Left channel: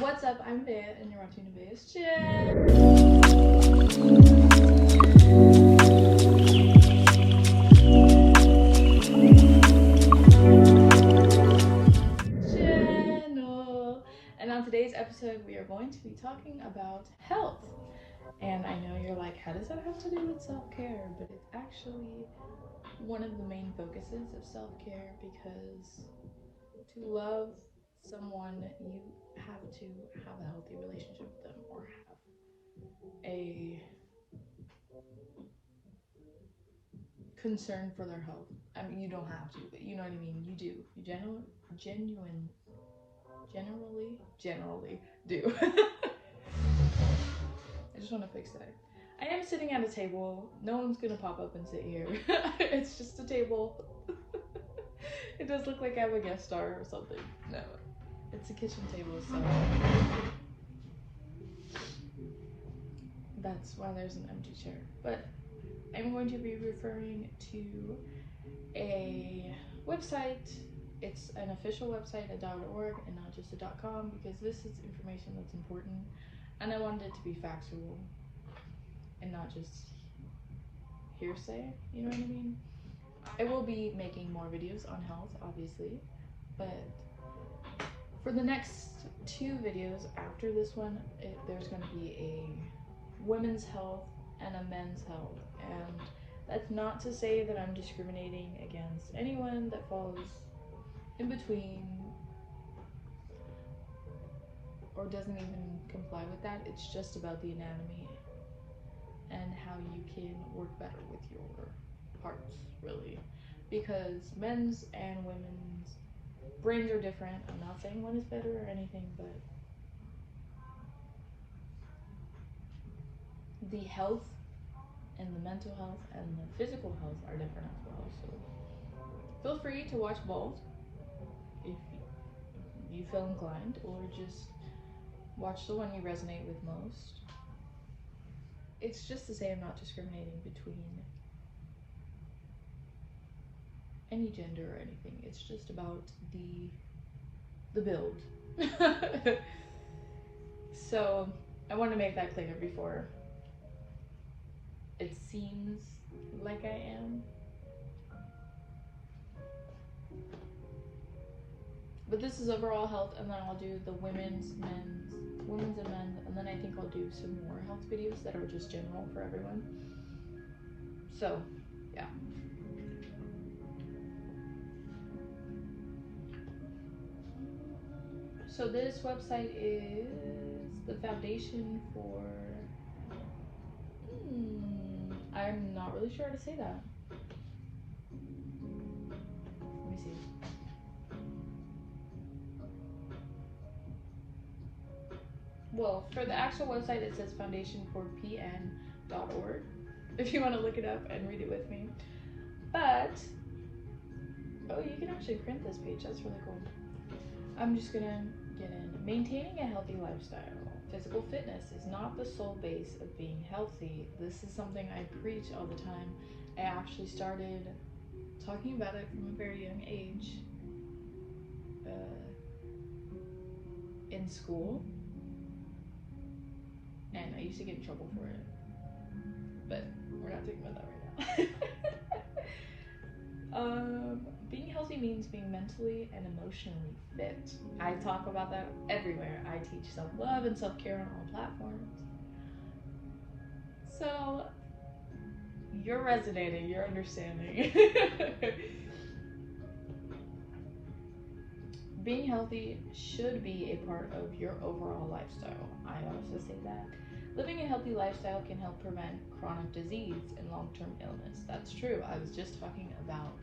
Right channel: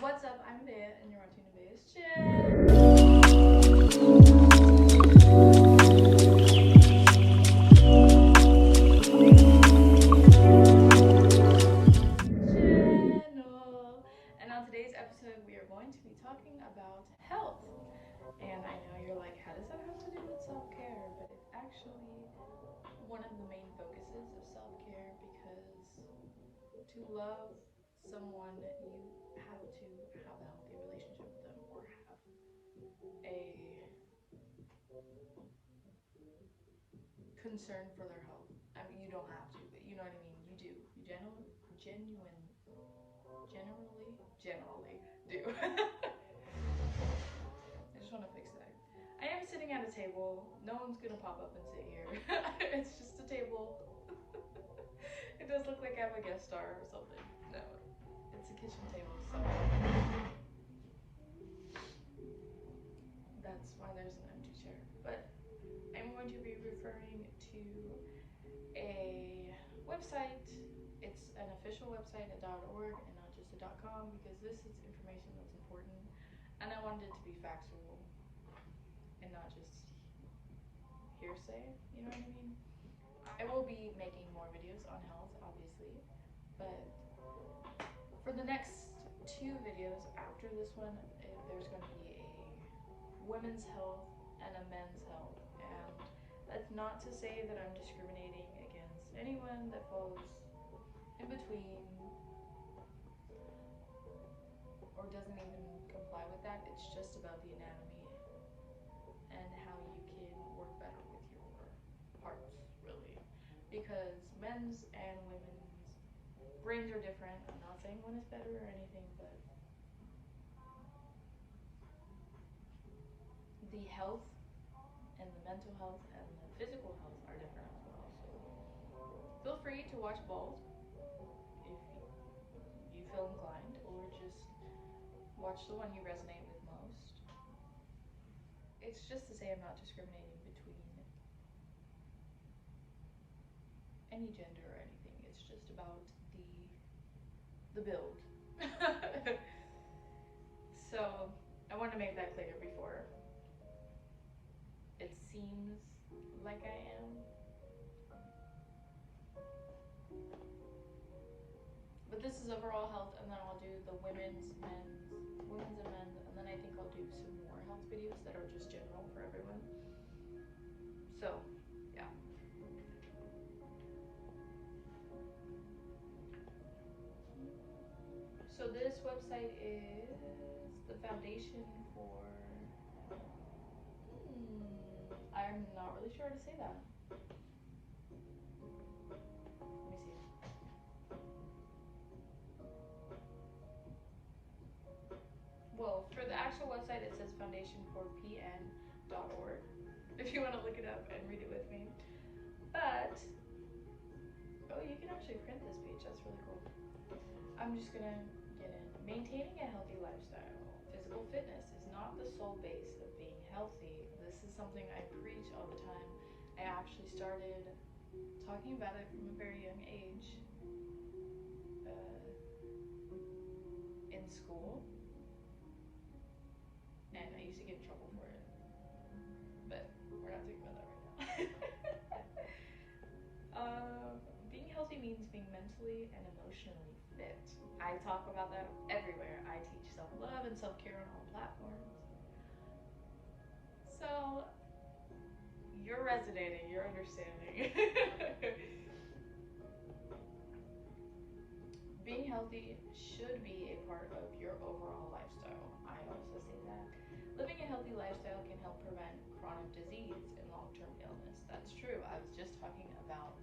What's up? I'm Bea, and you're watching Bea's Chin. Channel. And on today's episode, we are going to be talking about health. And I know you're like, how does that have to do with self-care? But it's actually one of the main focuses of self-care because to love someone, you have to have a healthy relationship with them or have a concern for their health. I mean, you don't have to, but you know what I mean. You do. You generally do. I just want to fix that. I am sitting at a table. No one's gonna pop up and sit here. It's just a table. It does look like I'm a guest star or something. No, it's a kitchen table, so that's why there's an empty chair. But I'm going to be referring to a website. It's an official website, a .org, and not just a .com, because this is information that's important, and I wanted it to be factual and not just hearsay. You know what I mean? I will be making more videos on health, obviously, but for the next 2 videos after this one, there's going to be a women's health and a men's health, and that's not to say that I'm discriminating against anyone that falls in between or doesn't even comply with that. It's just about the anatomy and how you can work better with your parts, really, because men's and women's brains are different. I'm not saying one is better or anything, but the health and the mental health and the physical health are different as well. So feel free to watch both if you feel inclined, or just watch the one you resonate with most. It's just to say I'm not discriminating between any gender or anything. It's just about the build. So I want to make that clear before it seems like I am. But this is overall health, and then I'll do the women's and men's, and then I think I'll do some more health videos that are just general for everyone. So, yeah. So this website is the foundation for. I'm not really sure how to say that. Let me see. Well, for the actual website, it says foundationforpn.org. If you want to look it up and read it with me. But oh, you can actually print this page. That's really cool. I'm just gonna get in. Maintaining a healthy lifestyle. Physical fitness is not the sole base of being healthy. This is something I preach all the time. I actually started talking about it from a very young age in school, and I used to get in trouble for it. But we're not talking about that right now. Being healthy means being mentally and emotionally fit. I talk about that everywhere. I teach self-love and self-care on all platforms. So you're resonating, you're understanding. Being healthy should be a part of your overall lifestyle. I also say that. Living a healthy lifestyle can help prevent chronic disease and long-term illness. That's true. I was just talking about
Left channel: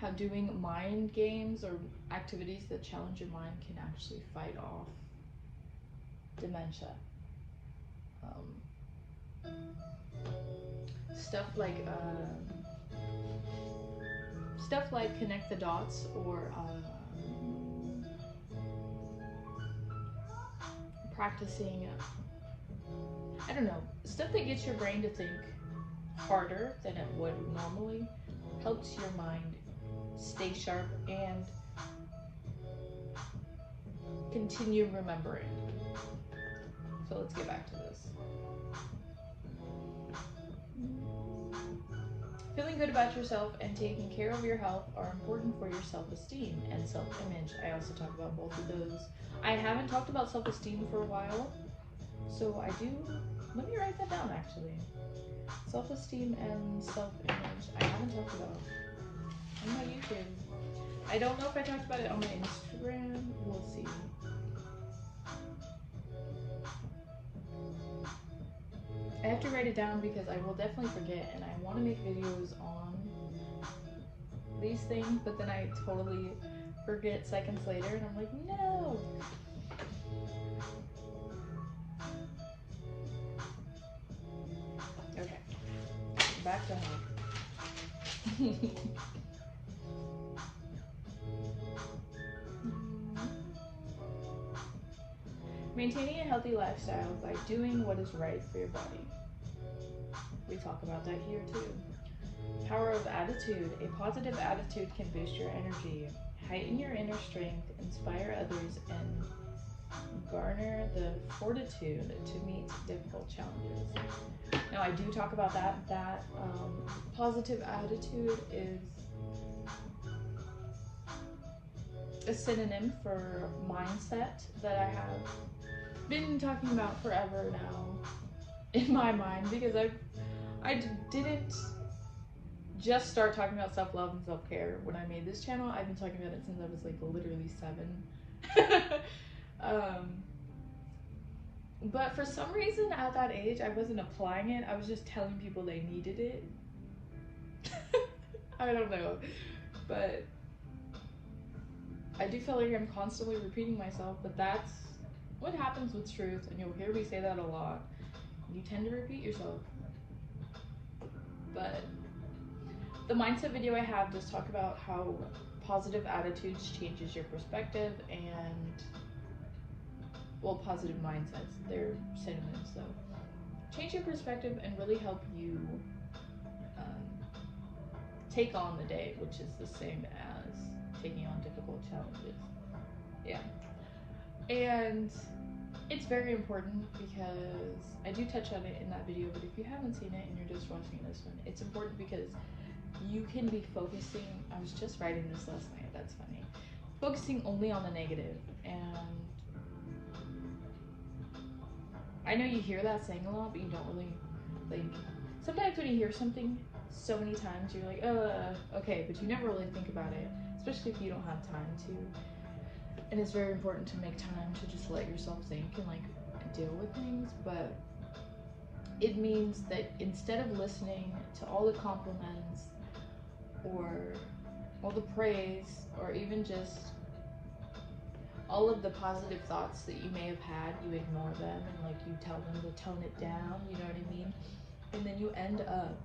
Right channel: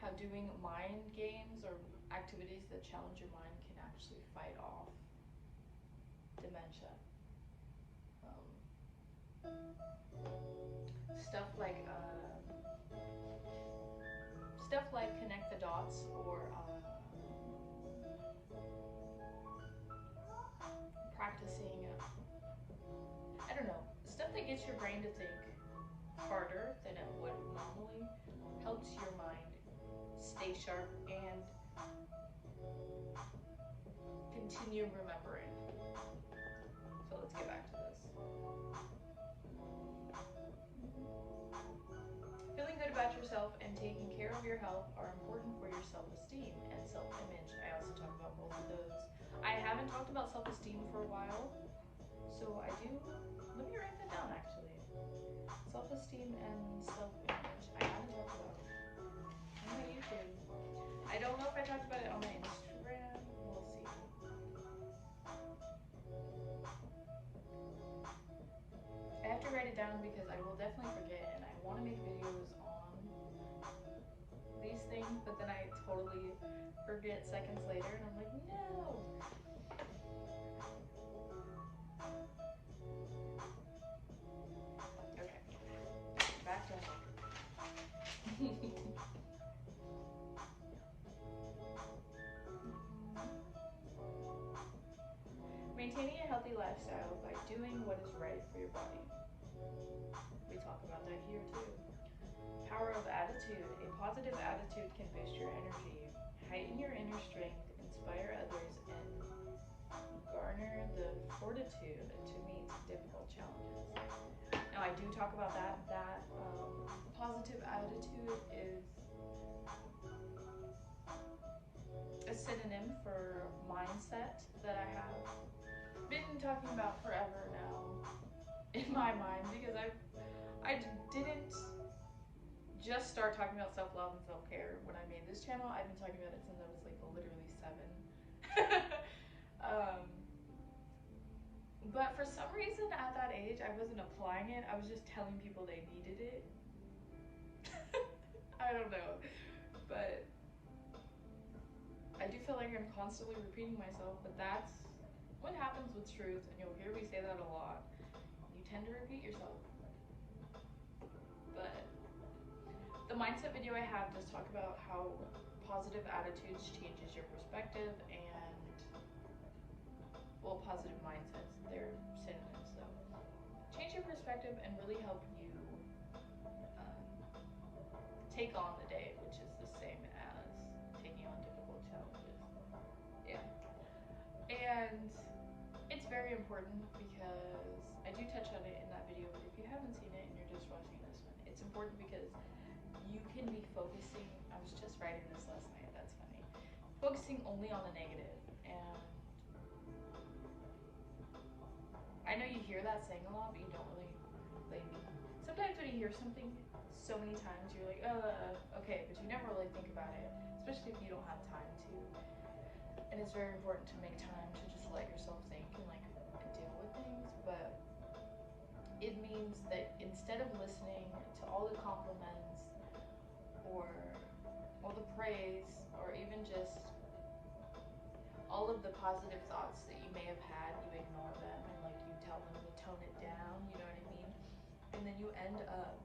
how doing mind games or activities that challenge your mind can actually fight off dementia. Stuff like connect the dots, or practicing. I don't know, stuff that gets your brain to think harder than it would normally helps your mind stay sharp and continue remembering. So let's get back to this. Feeling good about yourself and taking care of your health are important for your self-esteem and self-image. I also talk about both of those. I haven't talked about self-esteem for a while, so I do. Let me write that down actually. Self-esteem and self-image. I haven't talked about on my YouTube. I don't know if I talked about it on my Instagram. We'll see. I have to write it down because I will definitely forget, and I want to make videos on these things, but then I totally forget seconds later, and I'm like, no. Okay, back to home. Maintaining a healthy lifestyle by doing what is right for your body. We talk about that here too. Power of attitude. A positive attitude can boost your energy, heighten your inner strength, inspire others, and garner the fortitude to meet difficult challenges. Now, I do talk about that. Positive attitude is a synonym for mindset that I have been talking about forever now in my mind, because I didn't just start talking about self-love and self-care when I made this channel. I've been talking about it since I was like literally 7. But for some reason at that age I wasn't applying it. I was just telling people they needed it. I don't know, but I do feel like I'm constantly repeating myself, but that's what happens with truth, and you'll hear me say that a lot. You tend to repeat yourself. But the mindset video I have does talk about how positive attitudes changes your perspective, and, well, positive mindsets, they're synonyms though. Change your perspective and really help you take on the day, which is the same as taking on difficult challenges. Yeah. And it's very important because I do touch on it in that video, but if you haven't seen it and you're just watching this one, it's important because you can be focusing, I was just writing this last night, that's funny, focusing only on the negative. And I know you hear that saying a lot, but you don't really, like, sometimes when you hear something so many times, you're like, okay, but you never really think about it, especially if you don't have time to. And it's very important to make time to just let yourself think and like deal with things. But it means that instead of listening to all the compliments or all the praise, or even just all of the positive thoughts that you may have had, you ignore them and like you tell them to tone it down, you know what I mean? And then you end up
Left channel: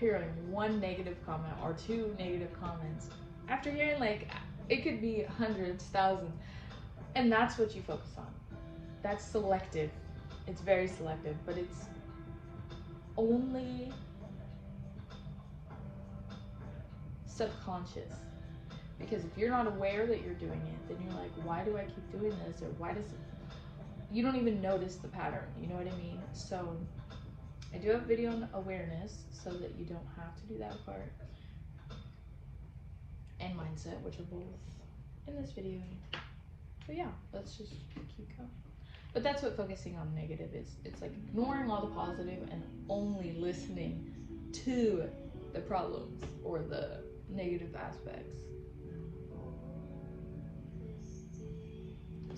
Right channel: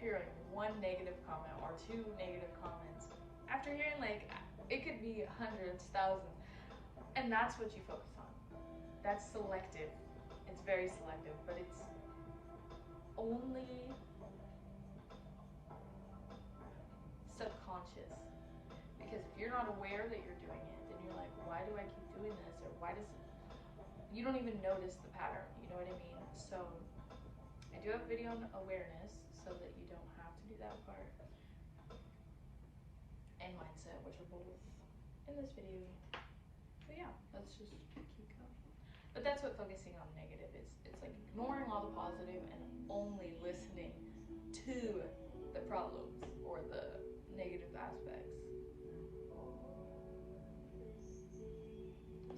hearing one negative comment or 2 negative comments after hearing, like, it could be hundreds, thousands, and that's what you focus on. That's selective. It's very selective, but it's only subconscious. Because if you're not aware that you're doing it, then you're like, why do I keep doing this? Or why does it, you don't even notice the pattern, you know what I mean? So I do have a video on awareness so that you don't have to do that part, and mindset, which are both in this video. So yeah, let's just keep going. But that's what focusing on negative is. It's like ignoring all the positive and only listening to the problems or the negative aspects.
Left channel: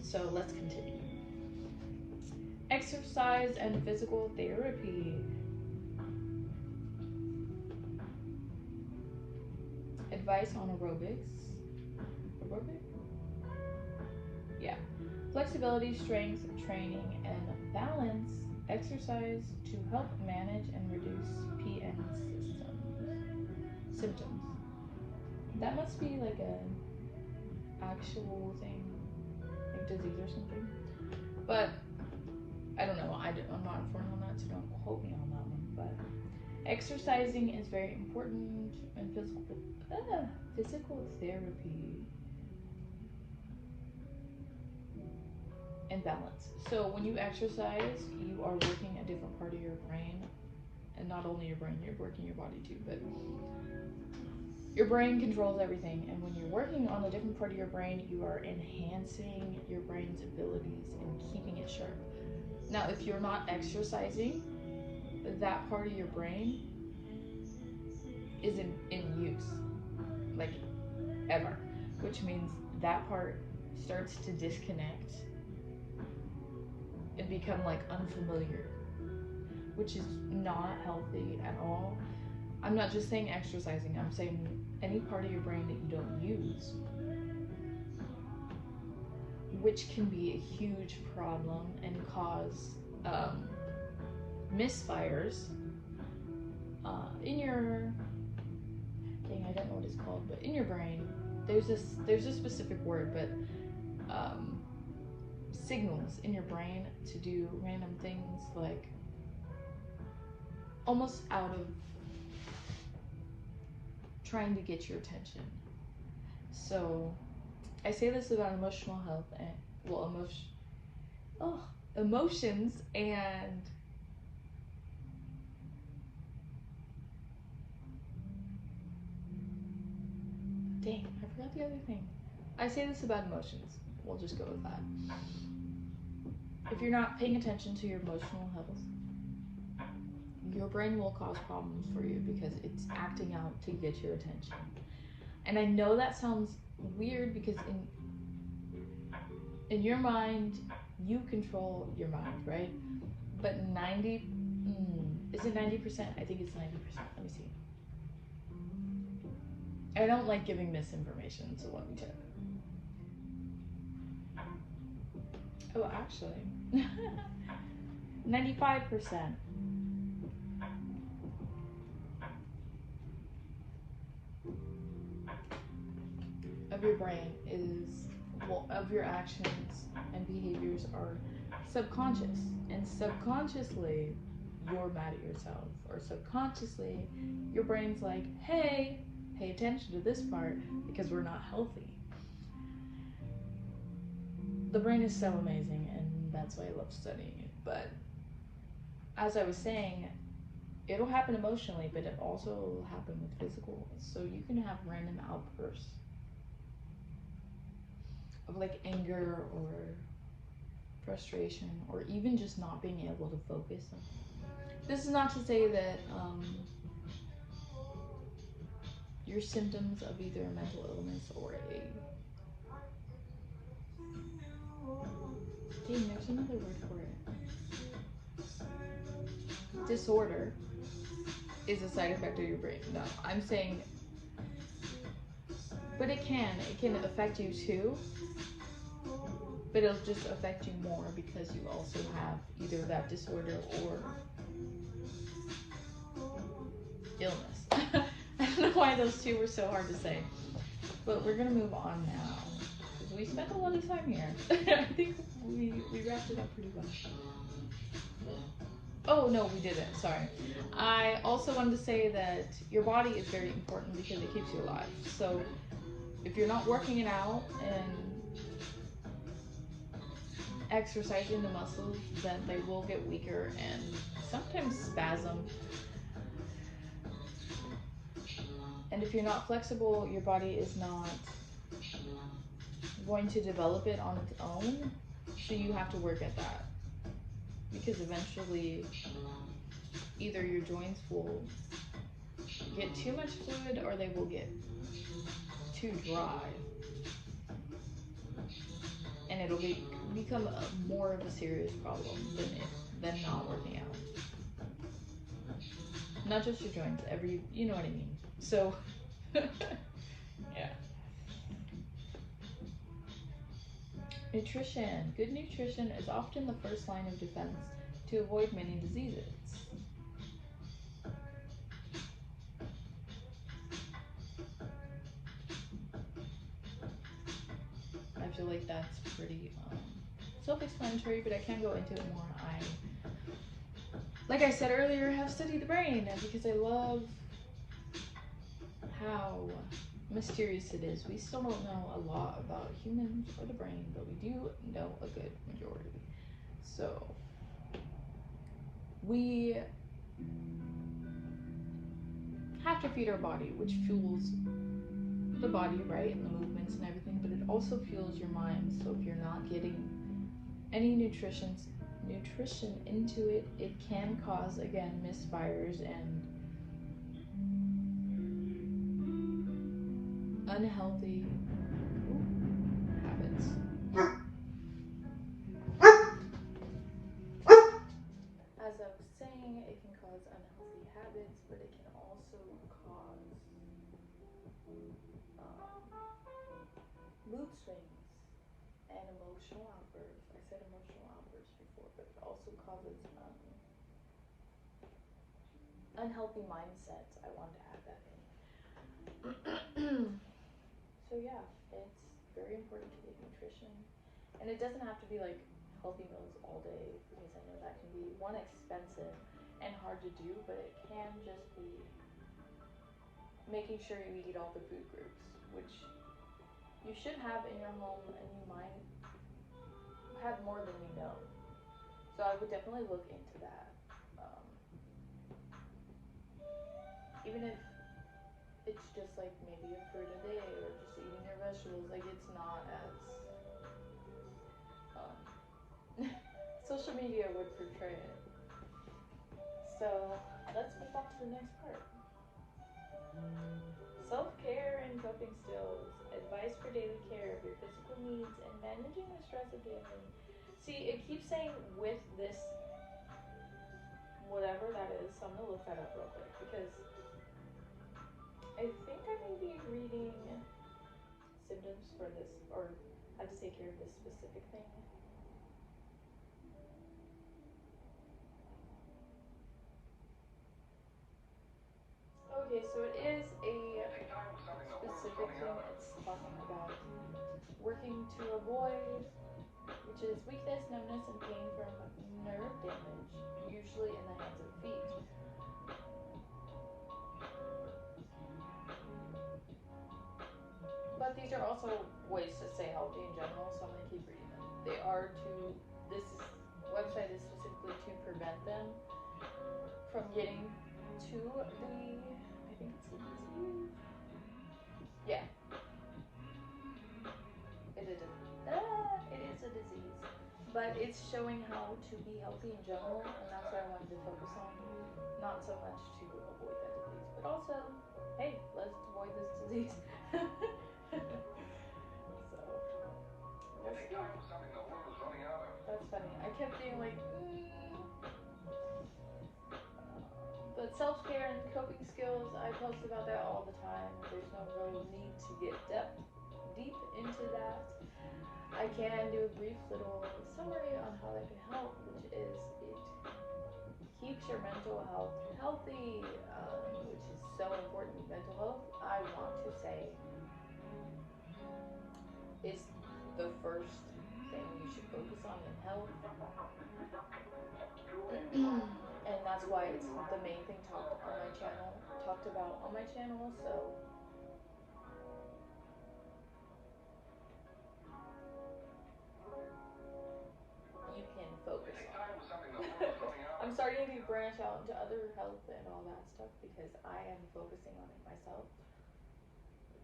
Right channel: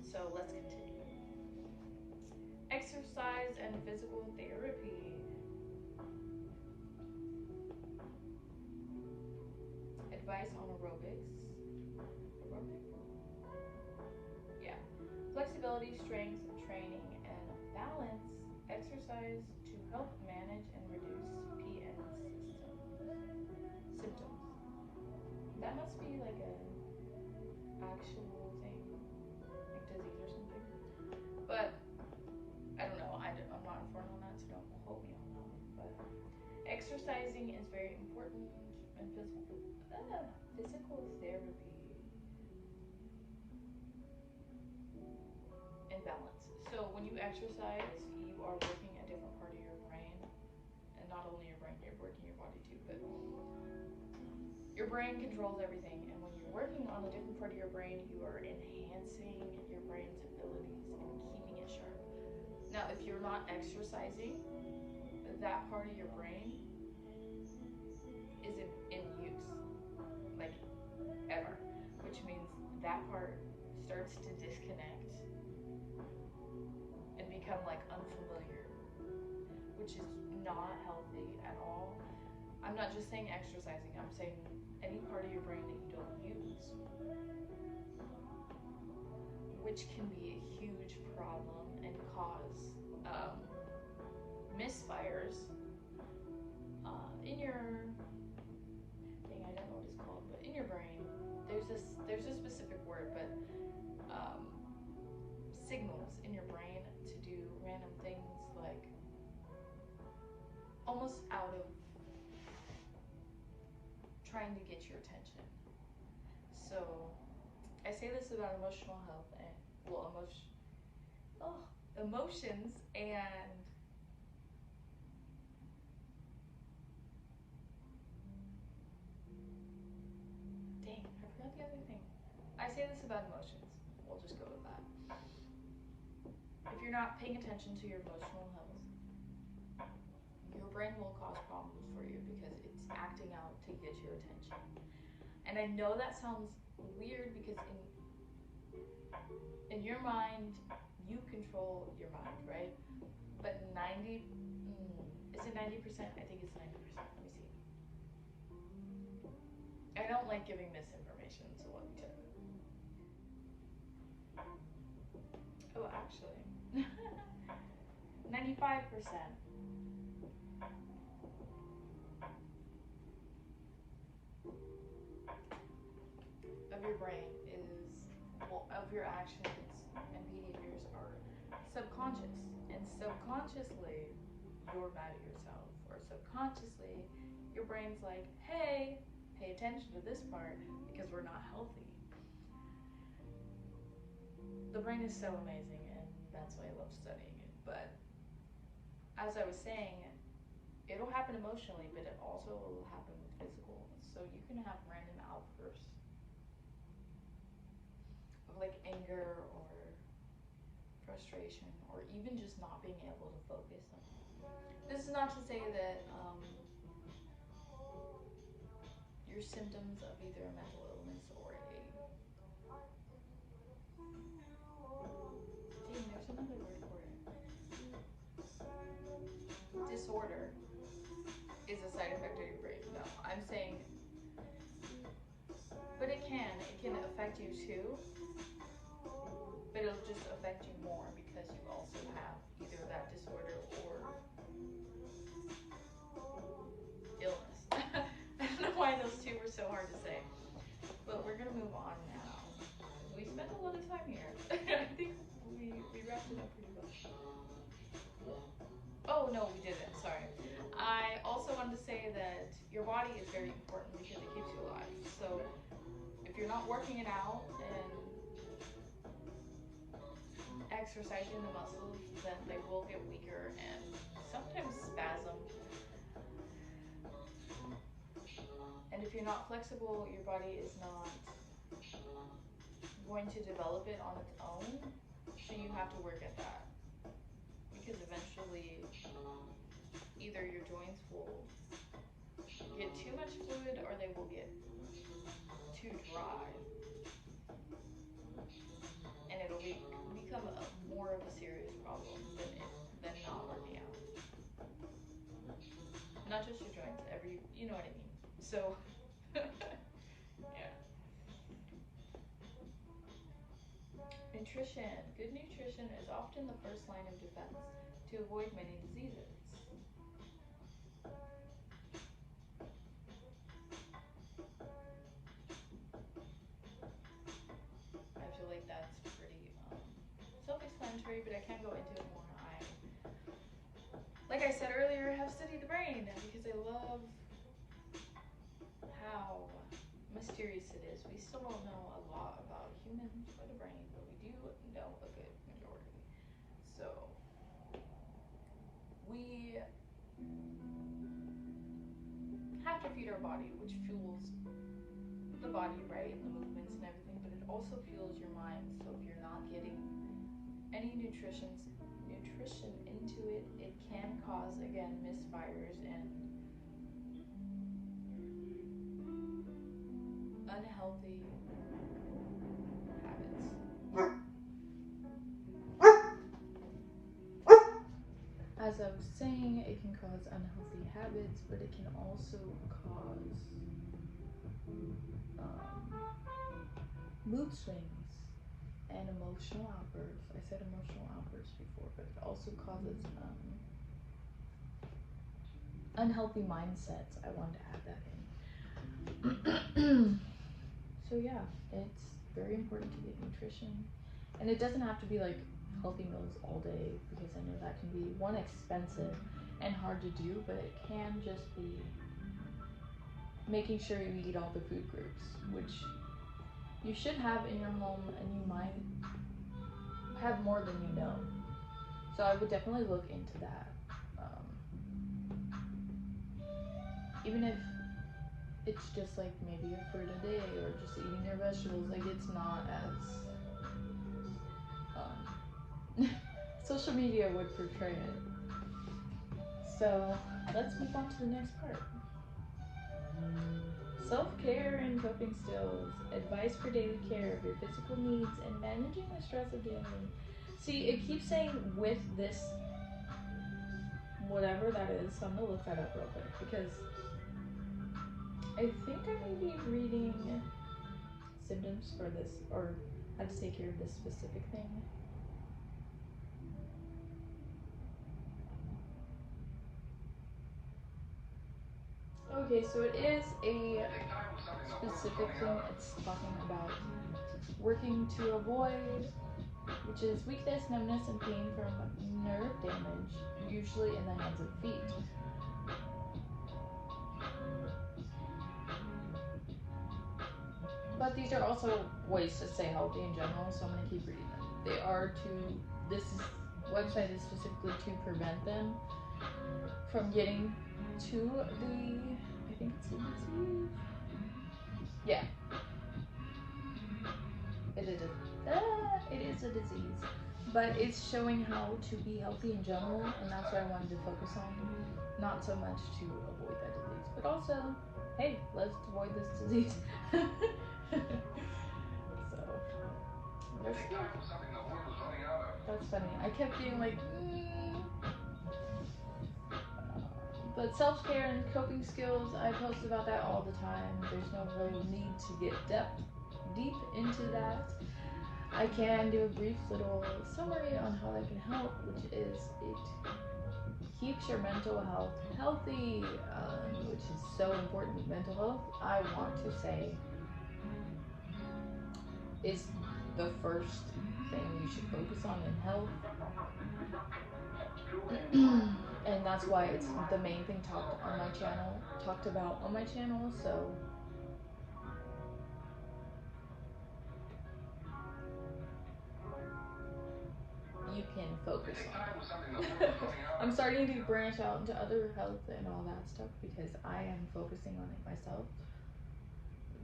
So let's continue. Exercise and physical therapy. Advice on aerobics. Aerobic? Yeah. Flexibility, strength training, and balance exercise to help manage and reduce PN symptoms. That must be like a actual thing, like disease or something. But I don't know. I'm not informed on that, so don't quote me on that one. But exercising is very important, and physical therapy. and balance. So when you exercise, you are working a different part of your brain, and not only your brain, you're working your body too, but your brain controls everything, and when you're working on a different part of your brain, you are enhancing your brain's abilities and keeping it sharp. Now, if you're not exercising, that part of your brain isn't in use, like ever, which means that part starts to disconnect and become like unfamiliar, which is not healthy at all. I'm not just saying exercising, I'm saying any part of your brain that you don't use, which can be a huge problem and cause misfires in your, dang, I don't know what it's called, but in your brain, there's a specific word, but signals in your brain to do random things, like almost out of trying to get your attention. So I say this about emotional health and, well, emotions, and dang, I forgot the other thing. I say this about emotions. We'll just go with that. If you're not paying attention to your emotional health, your brain will cause problems for you because it's acting out to get your attention. And I know that sounds weird because in your mind, you control your mind, right? But is it 90%? I think it's 90%. Let me see. I don't like giving misinformation, so let me check. Oh, actually, 95% of your brain is, well, of your actions and behaviors are subconscious. And subconsciously, you're mad at yourself. Or subconsciously, your brain's like, hey, pay attention to this part because we're not healthy. The brain is so amazing, and that's why I love studying it. But as I was saying, it'll happen emotionally, but it also will happen with physical. So you can have random outbursts of like anger or frustration, or even just not being able to focus. This is not to say that your symptoms of either a mental illness or a, dang, there's another word for it, disorder, is a side effect of your brain. No, I'm saying, but it can affect you too, but it'll just affect you more because you also have either that disorder or illness. I don't know why those two were so hard to say, but we're gonna move on now because we spent a lot of time here. I think we wrapped it up pretty well. Oh no, we didn't. Sorry. I also wanted to say that your body is very important because it keeps you alive. So if you're not working it out and exercising the muscles, then they will get weaker and sometimes spasm. And if you're not flexible, your body is not going to develop it on its own. So you have to work at that. Because eventually, either your joints will get too much fluid or they will get too dry. And it'll become more of a serious problem than not working out. Not just your joints, you know what I mean. So, yeah. Nutrition. Good nutrition is often the first line of defense to avoid many diseases. I feel like that's pretty self-explanatory, but I can go into it more. Like I said earlier, have studied the brain because I love how mysterious it is. We still don't know a lot about humans or the brain, but we do know a good majority. So we have to feed our body, which fuels the body, right, and the movements and everything, but it also fuels your mind. So if you're not getting any nutrition into it, it can cause, again, misfires and unhealthy habits. As I was saying, it can cause unhealthy habits, but it can also cause mood swings and emotional outbursts. I said emotional outbursts before, but it also causes unhealthy mindsets. I wanted to add that in. So yeah, it's very important to get nutrition, and it doesn't have to be like healthy meals all day, because I know that can be one, expensive and hard to do, but it can just be making sure you eat all the food groups, which you should have in your home, and you might have more than you know. So I would definitely look into that. Even if it's just like maybe a fruit a day, or just eating your vegetables, like it's not as social media would portray it. So let's move on to the next part. Self-care and coping skills. Advice for daily care of your physical needs and managing the stress of daily. See, it keeps saying with this, whatever that is, so I'm gonna look that up real quick, because I think I may be reading symptoms for this, or how to take care of this specific thing. Okay, so it is a specific thing. It's talking about working to avoid, which is weakness, numbness, and pain from nerve damage, usually in the hands and feet. But these are also ways to stay healthy in general, so I'm going to keep reading them. This website is specifically to prevent them from getting to the, I think it's the disease. Yeah. It is a disease. But it's showing how to be healthy in general, and that's what I wanted to focus on. Not so much to avoid that disease, but also, hey, let's avoid this disease. So, that's funny. I kept being like, but self-care and coping skills, I post about that all the time. There's no real need to get deep into that. I can do a brief little summary on how that can help, which is it keeps your mental health healthy, which is so important. Mental health, I want to say, is the first thing you should focus on in health. And that's why it's the main thing talked about on my channel. So you can focus on it. I'm starting to branch out into other health and all that stuff because I am focusing on it myself.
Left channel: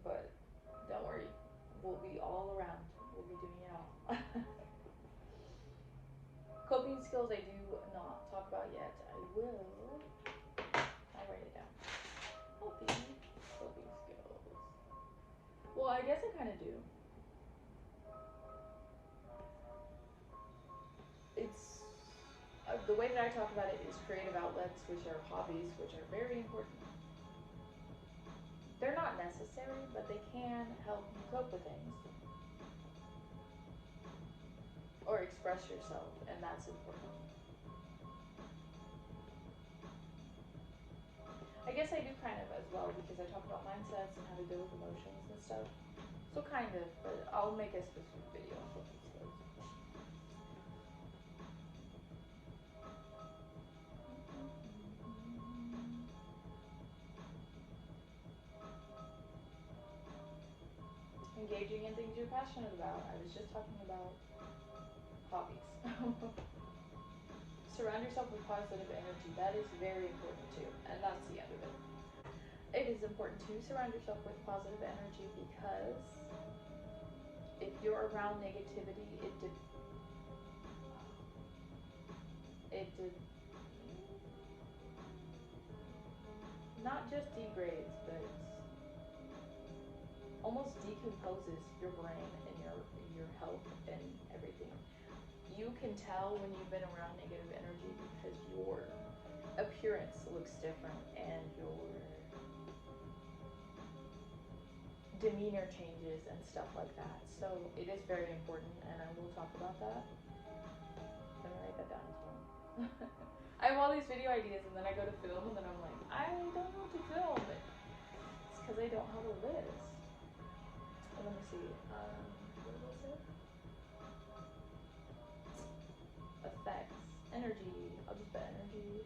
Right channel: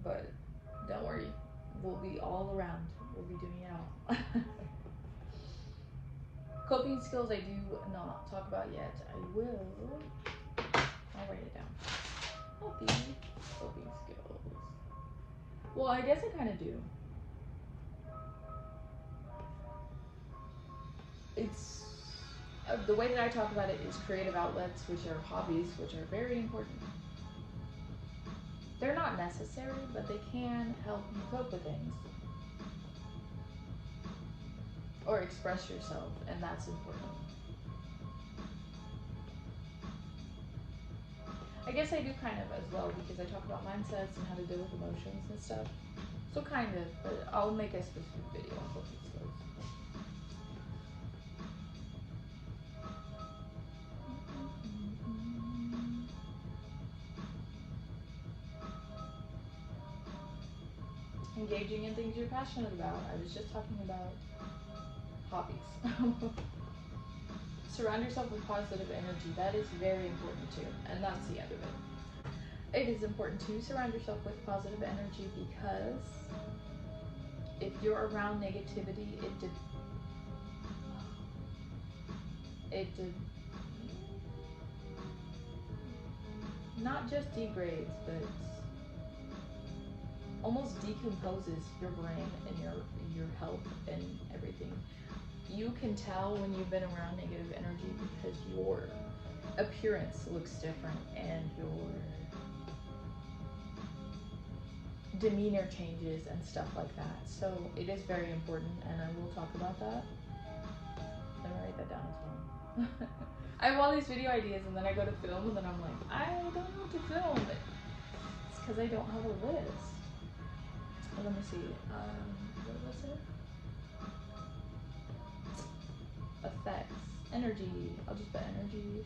But don't worry, we'll be all around. We'll be doing it all. Coping skills I do not talk about yet. I will. I'll write it down. Healthy coping skills. Well, I guess I kind of do. It's the way that I talk about it is creative outlets, which are hobbies, which are very important. They're not necessary, but they can help you cope with things or express yourself, and that's important. I guess I do kind of as well, because I talk about mindsets and how to deal with emotions and stuff. So kind of, but I'll make a specific video on coping skills. things you're passionate about. I was just talking about hobbies. Surround yourself with positive energy. That is very important too, and that's the end of it. It is important to surround yourself with positive energy because if you're around negativity, it not just degrades, but almost decomposes your brain and your health and everything. You can tell when you've been around negative energy because your appearance looks different and your demeanor changes and stuff like that. So it is very important, and I will talk about that. I'm gonna write that down as well. I have all these video ideas, and then I go to film, and then I'm like, I don't know what to film. It's because I don't have a list. Let me see. What was it? Effects, energy. I'll just put energy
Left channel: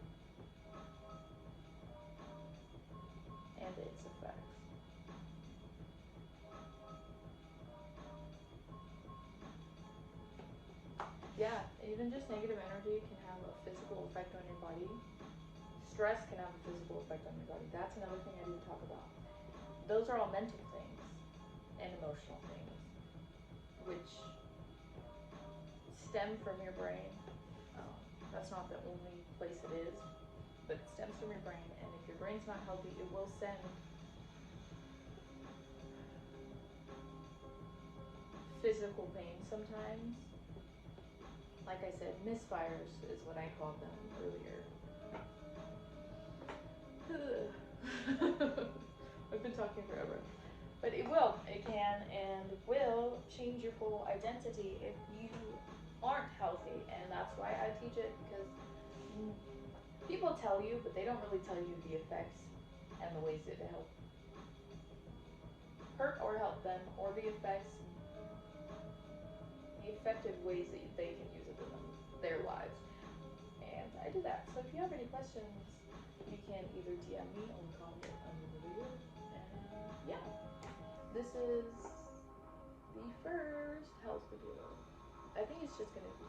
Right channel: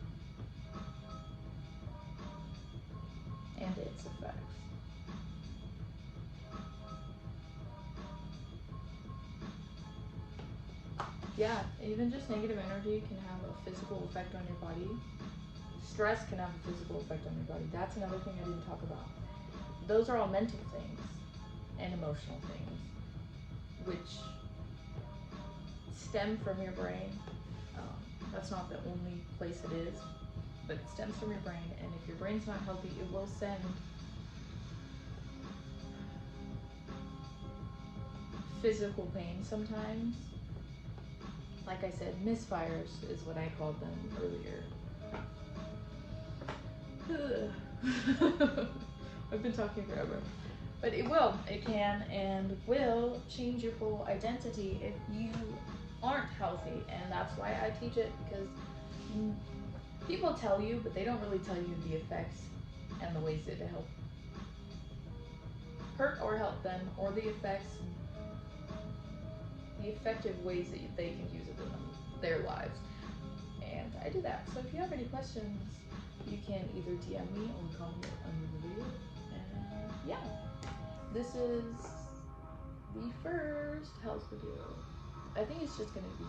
and its effects. Yeah, even just negative energy can have a physical effect on your body. Stress can have a physical effect on your body. That's another thing I didn't talk about. Those are all mental things and emotional things, which stem from your brain. That's not the only place it is, but it stems from your brain, and if your brain's not healthy, it will send physical pain sometimes. Like I said, misfires is what I called them earlier. I've been talking forever. But it can and will change your full identity if you aren't healthy. And that's why I teach it, because people tell you, but they don't really tell you the effects and the ways that it help hurt or help them, or the effects, the effective ways that they can use it in their lives. And I do that. So if you have any questions, you can either DM me or comment under the video. And yeah, this is the first health video. I think it's just gonna be,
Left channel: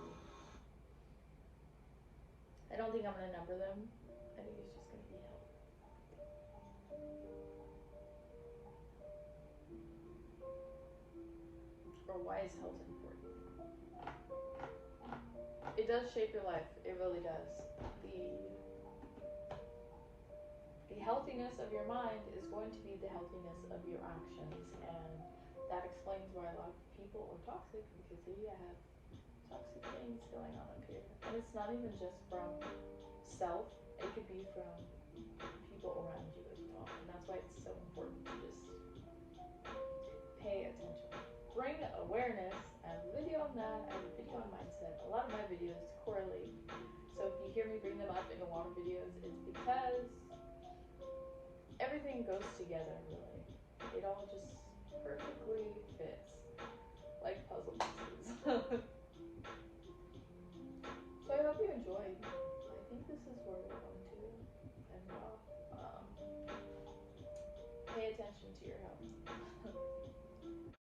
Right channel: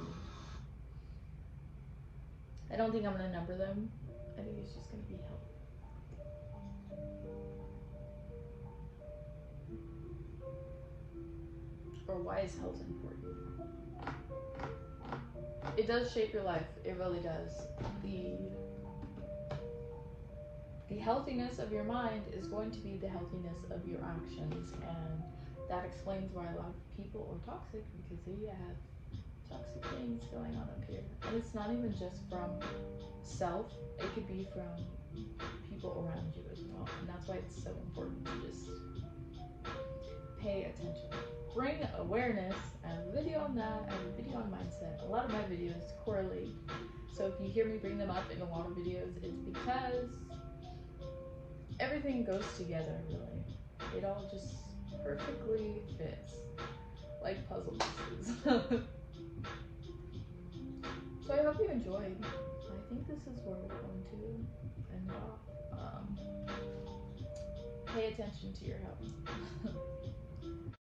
I don't think I'm gonna number them. I think it's just gonna be health. Or why is health important? It does shape your life. It really does. The healthiness of your mind is going to be the healthiness of your actions, and that explains why a lot of people are toxic, because they have toxic things going on up here. And it's not even just from self, it could be from people around you as well. And that's why it's so important to just pay attention. Bring awareness. I have a video on that. I have a video on mindset. A lot of my videos correlate. So if you hear me bring them up in a lot of videos, it's because everything goes together, really. It all just perfectly fits, like puzzle pieces.